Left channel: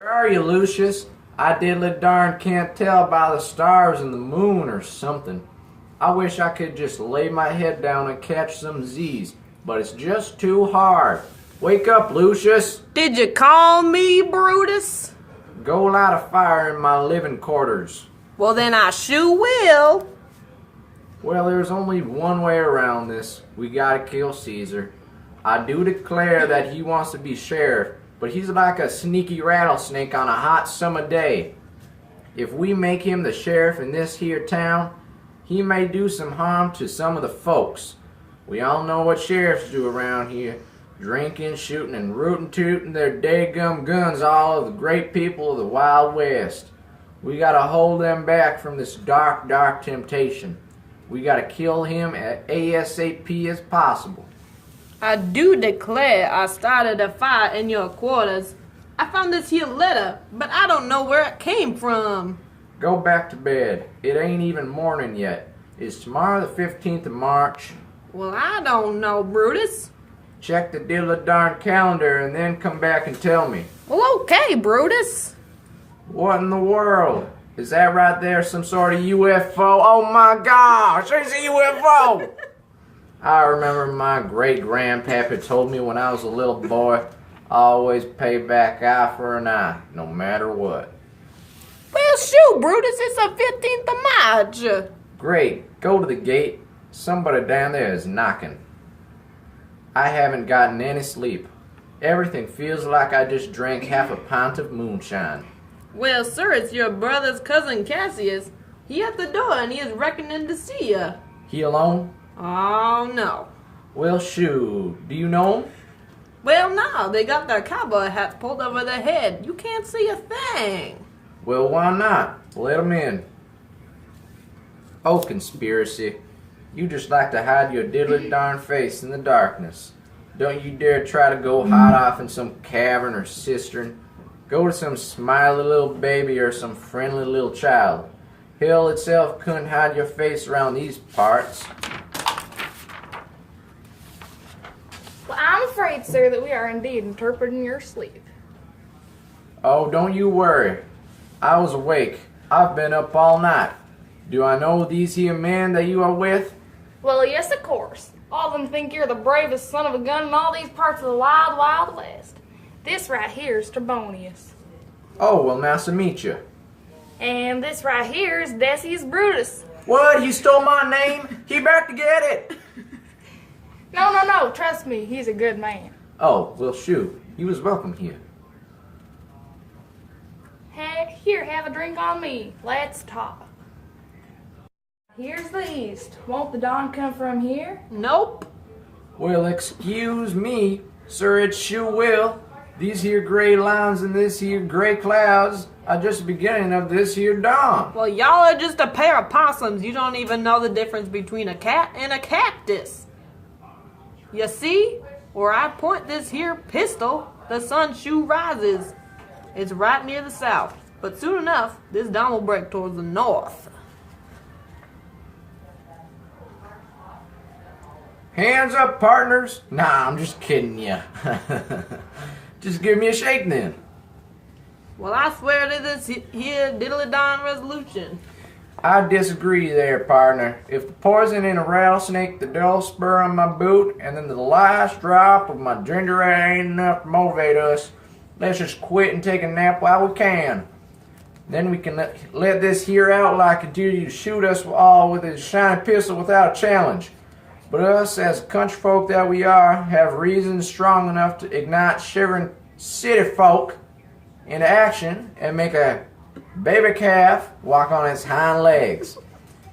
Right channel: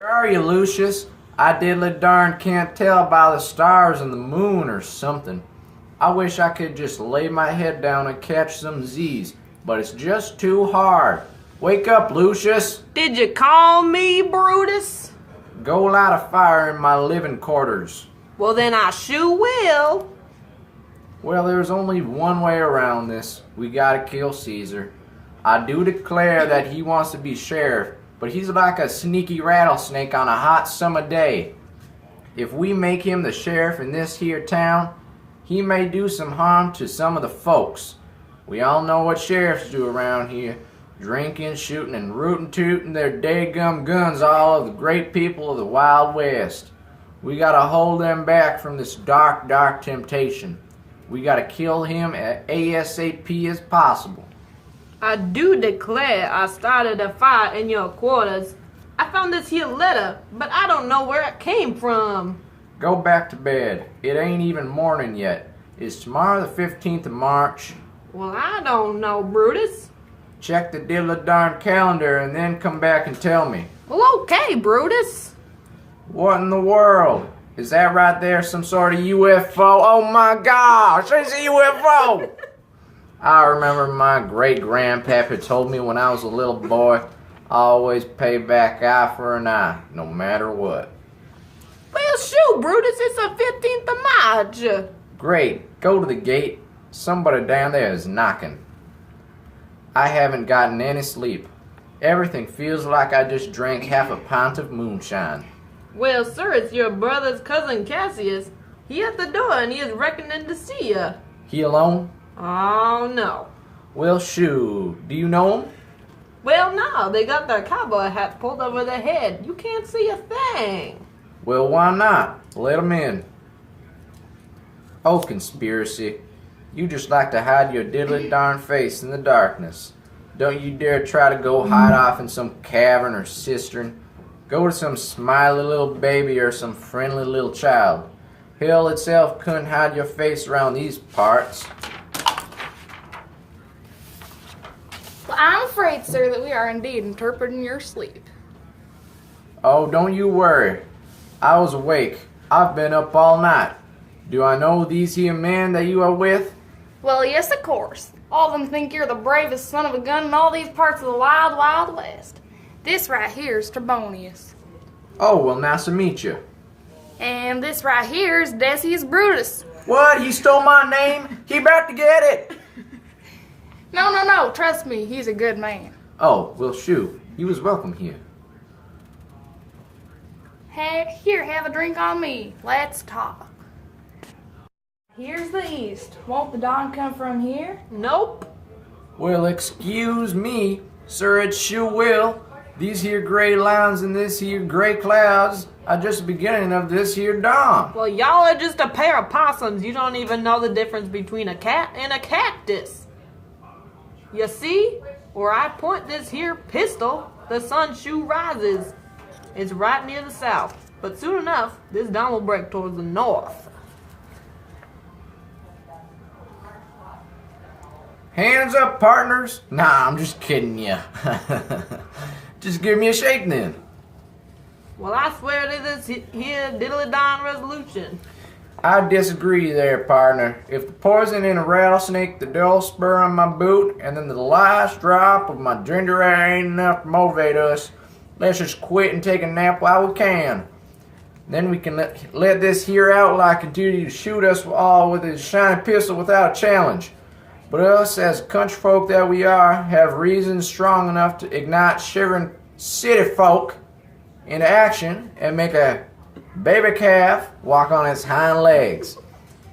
Where are you, Lucius? I diddly darn can't tell by the stars and the moon or something. I wish I could just lay my head down and catch some Z's, but it's just too hard. Wake up, Lucius. Did you call me, Brutus? Go light a fire in my living quarters. Well, then I sure will. Well, there's only one way around this. We gotta kill Caesar. I do declare that he wants to be sheriff, but he's like a sneaky rattlesnake on a hot summer day. If we make him the sheriff in this here town, he may do some harm to some of the folks. We all know what sheriffs do around here. Drinking, shooting, and rootin' tootin' their daygum guns all of the great people of the Wild West. We gotta hold them back from this dark, dark temptation. We gotta kill him as ASAP as possible. I do declare I started a fire in your quarters. I found this here letter, but I don't know where it came from. Go back to bed. It ain't even morning yet. It's tomorrow the 15th of March. Well, I don't know, Brutus. Check the diddly-darn calendar and then come back and tell me. Well, okay, Brutus. What in the world? Is that right there some sort of UFO? Oh my gosh, it's a UFO! I remember my great-grandpappy told me when I was a little boy, always pay back eye for an eye, no matter what. Well, shoot, Brutus, it's the 15th of March. Great, go to the gate. Somebody down there is knocking. I haven't gotten any sleep. Everything feels like I just drank half a pint of moonshine. Well, sir, it's your brother's cousin Cassius. He at the door and he is reckoning to see you. He alone? Oh, no. Well, shoot. Do you know him? Well, no, they got their cowboy hat pulled over their head. You can't see a thing. Well, why not? Let him in. Oh, conspiracy. You just like to hide your diddly darn face in the darkness. Don't you dare try to go hide off in some cavern or cistern. Go to some smiley little baby or some friendly little child. Hell itself couldn't hide your face around these parts. Well, I'm afraid, sir, that we are indeed interpreting your sleep. Oh, don't you worry. I was awake. I've been up all night. Do I know these here men that you are with? Well, yes, of course. All of them think you're the bravest son of a gun in all these parts of the wild, wild west. This right here is Trebonius. Oh, well, nice to meet you. And this right here is Decius Brutus. What? He stole my name? He back to get it. No, trust me, he's a good man. Oh, well, shoot. He was welcome here. Hey, here, have a drink on me. Let's talk. Here's the east. Won't the dawn come from here? Nope. Well, excuse me, sir, it sure will. These here gray lines and this here gray clouds are just the beginning of this here dawn. Well, y'all are just a pair of possums. You don't even know the difference between a cat and a cactus. You see, where I point this here pistol, the sun shoe rises. It's right near the south, but soon enough, this dawn will break towards the north. Hands up, partners. Nah, I'm just kidding ya. Just give me a shake then. Well, I swear to this here diddly-darn resolution. I disagree there, partner. If the poison in a rattlesnake, the dull spur on my boot, and then the last drop of my ginger ale ain't enough to motivate us, let's just quit and take a nap while we can. Then we can let this here outlaw continue to shoot us all with his shiny pistol without a challenge. But us, as country folk that we are, have reasons strong enough to ignite shivering city folk into action and make a baby calf walk on its hind legs.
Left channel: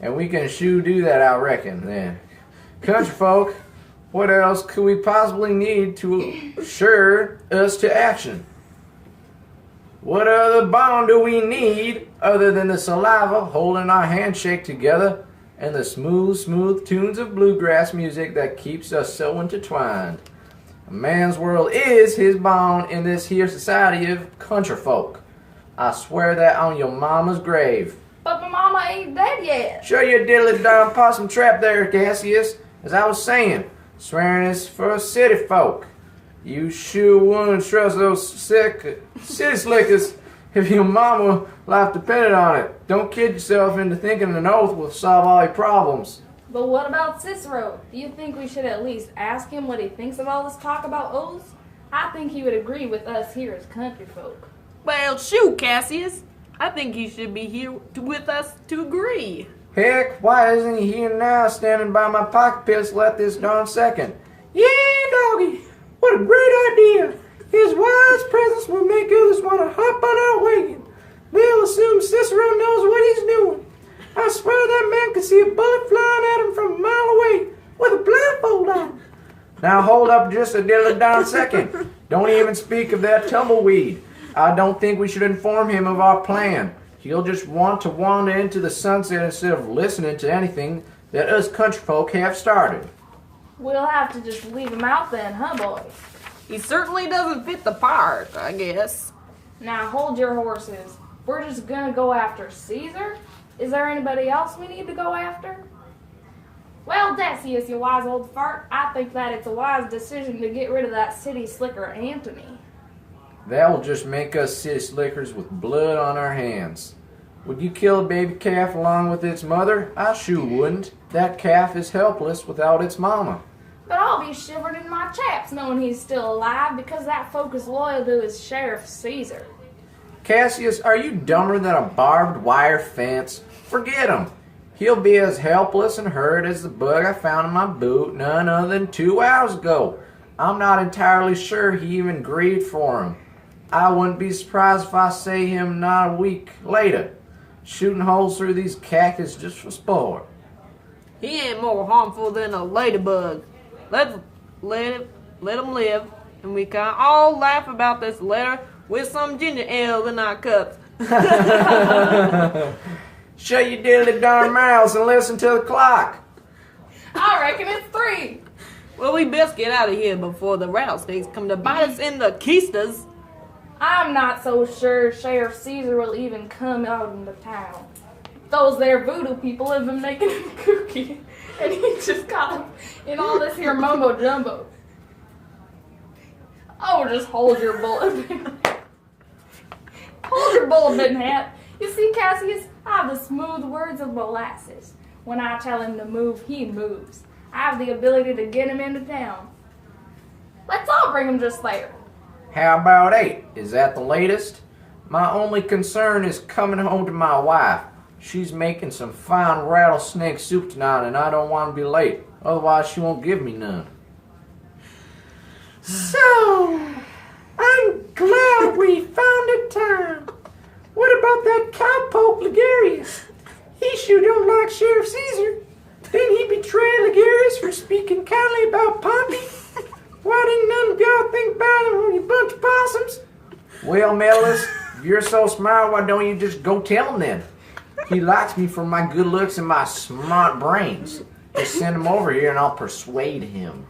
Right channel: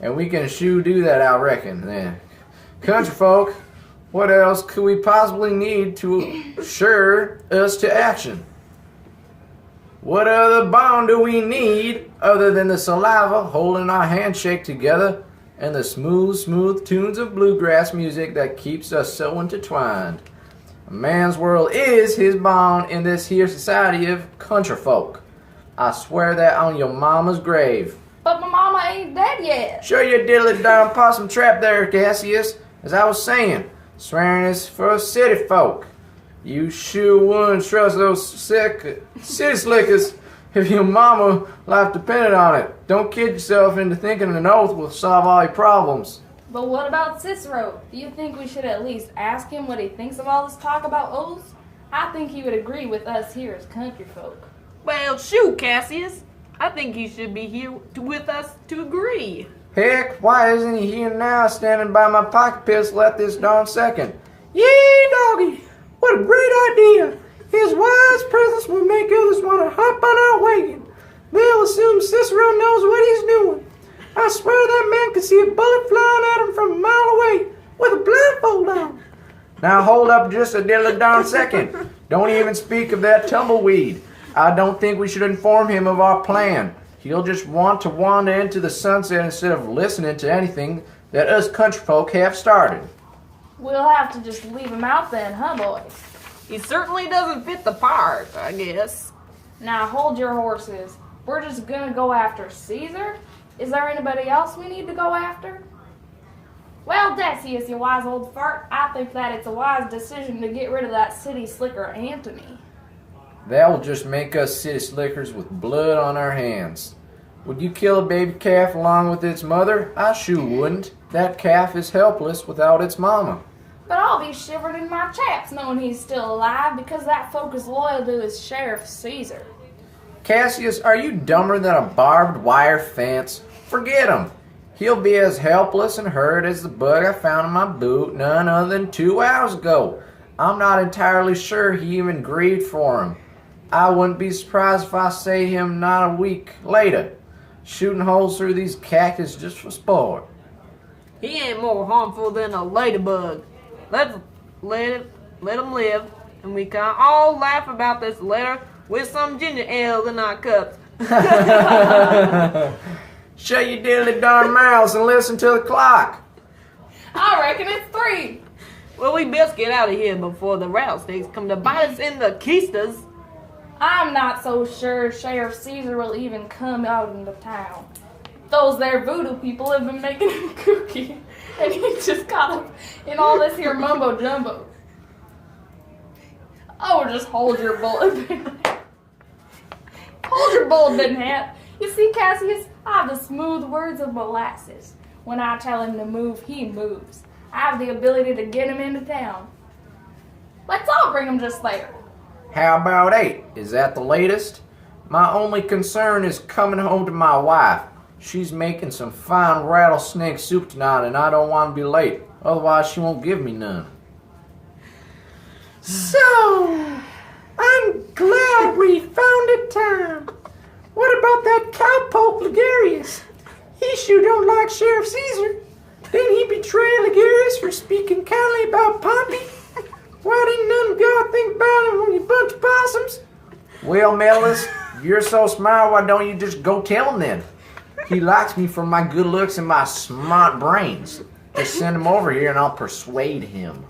And we can sure do that, I reckon, then. Country folk, what else could we possibly need to assure us to action? What other bond do we need other than the saliva holding our handshake together and the smooth tunes of bluegrass music that keeps us so intertwined? A man's world is his bond in this here society of country folk. I swear that on your mama's grave. But my mama ain't dead yet. Show your diddly darn possum trap there, Cassius. As I was saying, swearing is for city folk. You sure wouldn't trust those city slickers if your mama life depended on it. Don't kid yourself into thinking an oath will solve all your problems. But what about Cicero? Do you think we should at least ask him what he thinks of all this talk about oaths? I think he would agree with us here as country folk. Well, shoot, Cassius. I think he should be here with us to agree. Heck, why isn't he here now standing by my pocket pistol at this darn second? Yeah, doggy, what a great idea. His wise presence will make others want to hop on our wagon. They'll assume Cicero knows what he's doing. I swear that man could see a bullet flying at him from a mile away with a blindfold on. Now hold up just a diddly darn second. Don't even speak of that tumbleweed. I don't think we should inform him of our plan. He'll just want to wander into the sunset instead of listening to anything that us country folk have started. We'll have to just leave him out then, huh, boys? He certainly doesn't fit the part, I guess. Now hold your horses. We're just gonna go after Caesar? Is there anybody else we need to go after? Well, Decius, you wise old fart, I think that it's a wise decision to get rid of that city slicker Antony. That will just make us city slickers with blood on our hands. Would you kill a baby calf along with its mother? I sure wouldn't. That calf is helpless without its mama. But I'll be shivered in my chaps knowing he's still alive because that folk is loyal to his sheriff Caesar. Cassius, are you dumber than a barbed wire fence? Forget him. He'll be as helpless and hurt as the bug I found in my boot none other than 2 hours ago. I'm not entirely sure he even grieved for him. I wouldn't be surprised if I see him not a week later, shooting holes through these cactus just for sport. He ain't more harmful than a ladybug. Let him live, and we can all laugh about this later with some ginger ale in our cups. Shut your diddly darn mouths and listen to the clock. I reckon it's 3. Well, we best get out of here before the rattlesnakes come to bite us in the keistas. I'm not so sure Sheriff Caesar will even come out into town. Those there voodoo people have been making him kooky, and he just got him in all this here mumbo jumbo. Oh, just hold your bullet. Hold your bullet, big hat. You see, Cassius, I have the smooth words of molasses. When I tell him to move, he moves. I have the ability to get him into town. Let's all bring him just there. How about 8? Is that the latest? My only concern is coming home to my wife. She's making some fine rattlesnake soup tonight, and I don't want to be late. Otherwise, she won't give me none. So, I'm glad we found a time. What about that cowpoke Ligarius? He sure don't like Sheriff Caesar. Didn't he betray Ligarius for speaking kindly about Pompey? Why didn't none of y'all think about him when you bunch of possums? Well, Mellis, if you're so smart, why don't you just go tell him then? He likes me for my good looks and my smart brains. Just send him over here and I'll persuade him.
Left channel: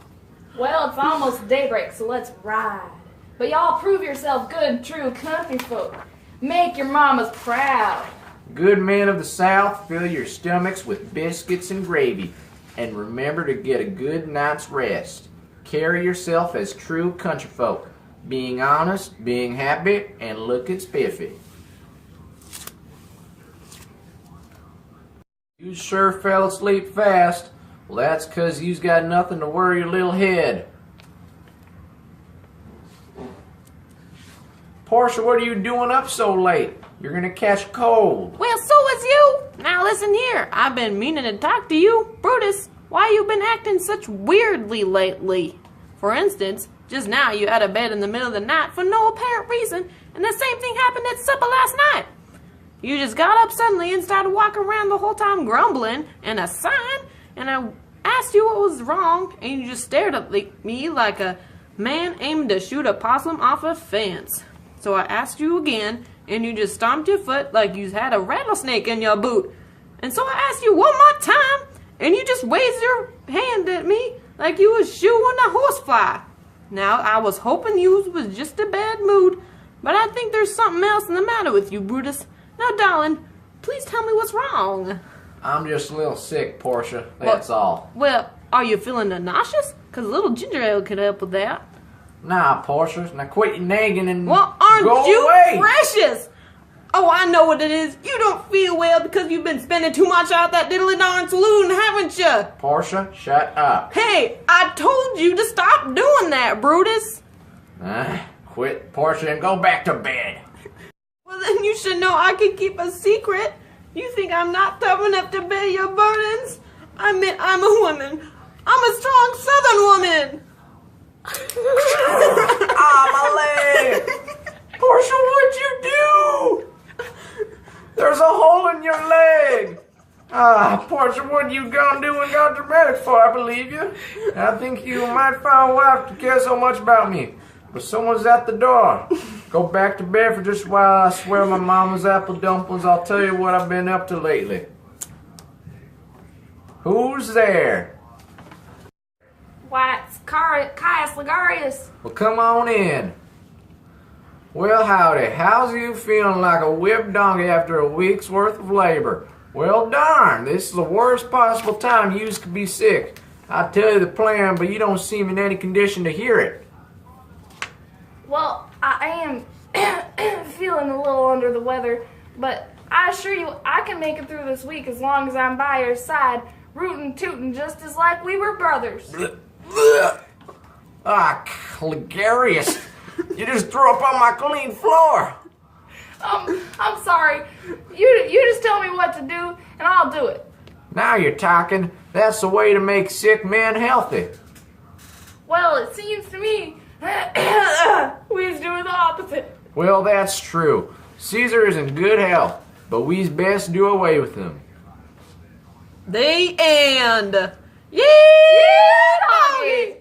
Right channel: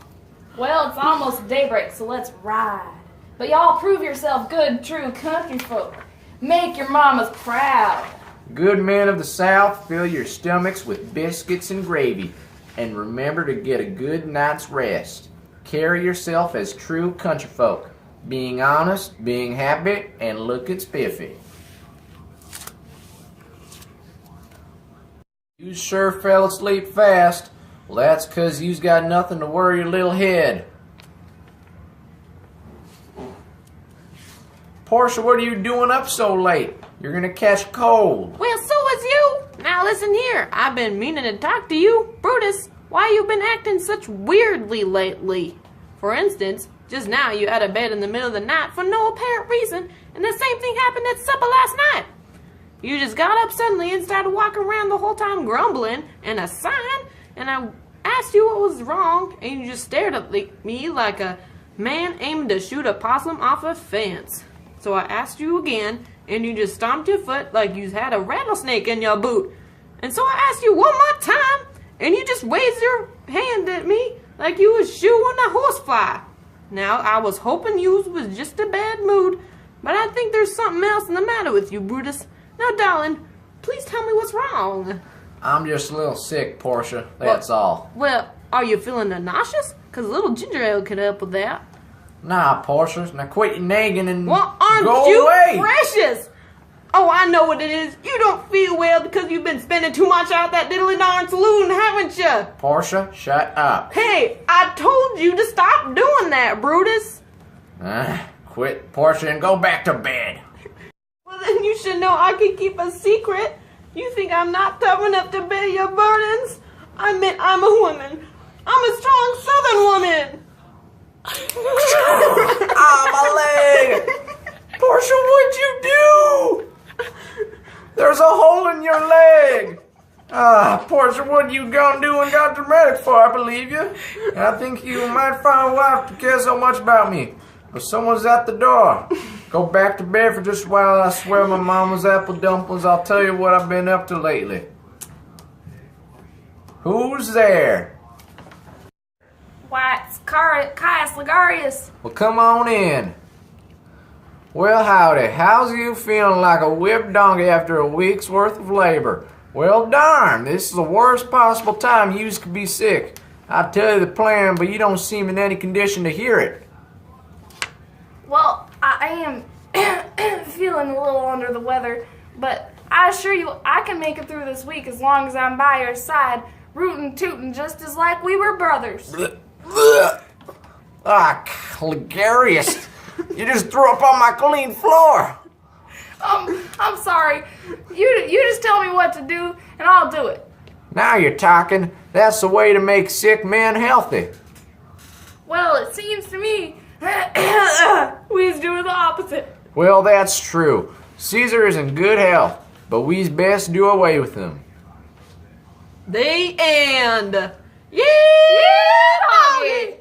Well, it's almost daybreak, so let's ride. But y'all prove yourself good, true country folk. Make your mamas proud. Good men of the South, fill your stomachs with biscuits and gravy. And remember to get a good night's rest. Carry yourself as true country folk, being honest, being happy, and looking spiffy. You sure fell asleep fast. Well, that's 'cause you's got nothing to worry your little head. Portia, what are you doing up so late? You're gonna catch cold. Well, so was you. Now listen here. I've been meaning to talk to you. Brutus, why you been acting such weirdly lately? For instance, just now you out of bed in the middle of the night for no apparent reason, and the same thing happened at supper last night. You just got up suddenly and started walking around the whole time grumbling and a sign, and I asked you what was wrong, and you just stared at me like a man aiming to shoot a possum off a fence. So I asked you again, and you just stomped your foot like you had a rattlesnake in your boot. And so I asked you one more time, and you just waved your hand at me like you was shooing a horsefly. Now, I was hoping you was just a bad mood, but I think there's something else in the matter with you, Brutus. Now, darling, please tell me what's wrong. I'm just a little sick, Portia. That's all. Well, are you feeling nauseous? 'Cause a little ginger ale could help with that. Nah, Portia. Now quit your nagging and Well, aren't go you away. precious? Oh, I know what it is. You don't feel well because you've been spending too much out that diddly darn saloon, haven't you? Portia, shut up. Hey, I told you to stop doing that, Brutus. Quit, Portia, and go back to bed. Well, then you should know I can keep a secret. You think I'm not tough enough to bear your burdens? I mean, I'm a woman. I'm a strong Southern woman. My leg! Portia, what'd you do? There's a hole in your leg. Portia, what you gonna do and got dramatic for? I believe you. And I think you might find a wife to care so much about me. But someone's at the door. Go back to bed for just a while. I swear my mama's apple dumplings. I'll tell you what I've been up to lately. Who's there? Why, it's Caius Ligarius. Well, come on in. Well, howdy. How's you feeling like a whipped donkey after a week's worth of labor? Well, darn, this is the worst possible time you could be sick. I tell you the plan, but you don't seem in any condition to hear it. Well, I am feeling a little under the weather, but I assure you I can make it through this week as long as I'm by your side, rootin' tootin' just as like we were brothers. Ligarius, you just threw up on my clean floor. I'm sorry. You just tell me what to do, and I'll do it. Now you're talking. That's the way to make sick men healthy. Well, it seems to me we's doing the opposite. Well, that's true. Caesar is in good health, but we's best do away with him. The end. Yeah, Yeah, doggy.